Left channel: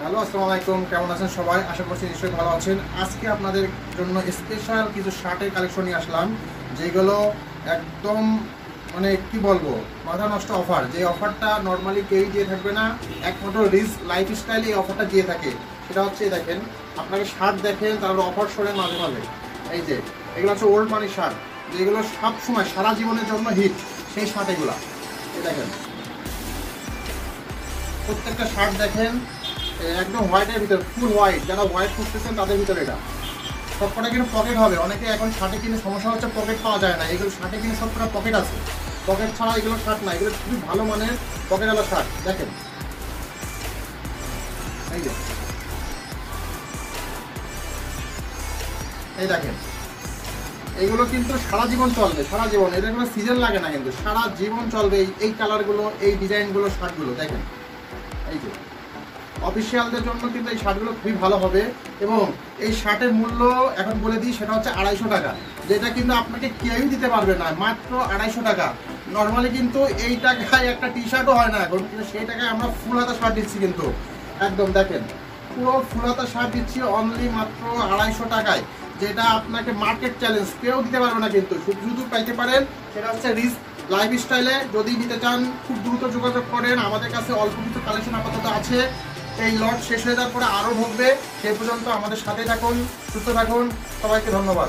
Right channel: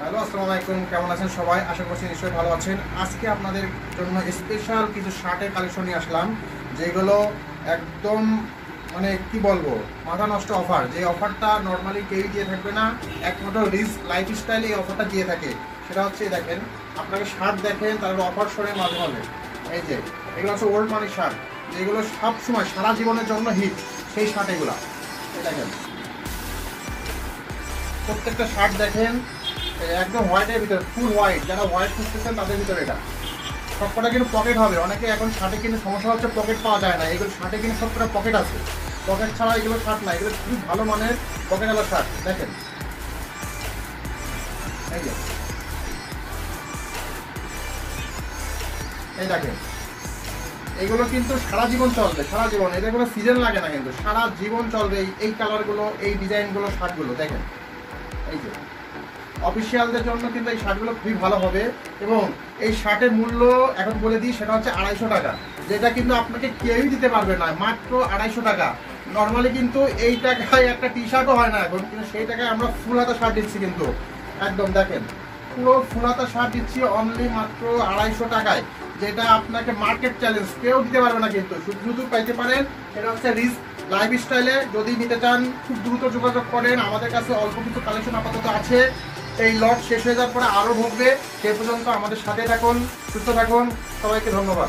Hello, আসসালামু আলাইকুম। কেমন আছেন সবাই? আশা করছি নিশ্চয়ই ভালো আছেন। আজকে আপনাদের জন্য স্পেশাল কিছু শার্টের কালেকশন নিয়ে আসলাম, যেগুলো একদম মানে কি বলবো, মাথা নষ্ট অফার। যে অফারটা নর্মালি কেউই দিয়ে থাকবে না, একমাত্র রিচ লাইফস্টাইল এই অফারটা দিয়ে থাকে। সেটা হচ্ছে দেখেন, আপনাকে শার্ট দেখেন, তারপর অফার শোনেন মাঝে মাঝে। এই যে এগুলো হচ্ছে ওল্ড মানি শার্ট, যেগুলো সব সময় সারা জীবনের জন্য হিট, সেই শার্ট এগুলা। এই দেখেন প্রত্যেকটা শার্ট দেখেন একদম হোয়াইটের ভিতরে, ফুল হোয়াইট। যারা হোয়াইট খুঁজতেছেন তাদের ভিতরে এটা সবকটা কিন্তু পকেট হবে। অনেকে এখন শার্টে কিন্তু সমস্যা হচ্ছে পকেট পাওয়া যায় না, এগুলো শার্টে কিন্তু সবকটা পকেট আছে। পকেট ছাড়া এগুলো শার্ট না, এগুলো খুবই ভালো মানের পকেটওয়ালা শার্ট। দেখেন এই যে, এই দেখেন এইগুলো কিন্তু সারা জীবন চলবে, সারা জীবন। এটা কোনো সিজন লাগে না, কিন্তু সারা জীবন চলবে। এই কালারগুলো, এই ডিজাইনগুলো, শার্টগুলো দেখেন। এই যে অফিসিয়ালদের জন্য কিন্তু এই শার্টগুলো খুবই ভালো হবে। এবং এই শার্টের মূল্য এখন বলে দিই, সেটা হচ্ছে 250 টাকা, যেটা কিন্তু আপনাকে কেউই দিতে পারবে না, মাত্র 250 টাকা। নর্মালি কিন্তু এই টাকায় একটা টি শার্টও হয় না এখন, কিন্তু সেই টাকায় আমরা ফুল হাতা শার্ট দিচ্ছি। কিন্তু একদম দেখেন, পুরো ফুল হাতা শার্ট দিচ্ছি অনলি মাত্র 250 টাকায়, যেটা আপনাকে মার্কেট চ্যালেঞ্জ কেউ দিতে পারবে না। কিন্তু শুধু শুধু পাইতে পারেন, সেটা হচ্ছে রিচ লাইফস্টাইলে। যদি নিতে চান খুব দ্রুত যোগাযোগ করেন, আমাদের কাছে অল্প কিছু কালেকশন আপাতত আছে। এই লট শেষ হয়ে যাওয়ার পরে আরও ঢুকবে। সে পর্যন্ত আমাদের সাথে থাকুন, সুস্থ থাকুন। সবাইকে ধন্যবাদ।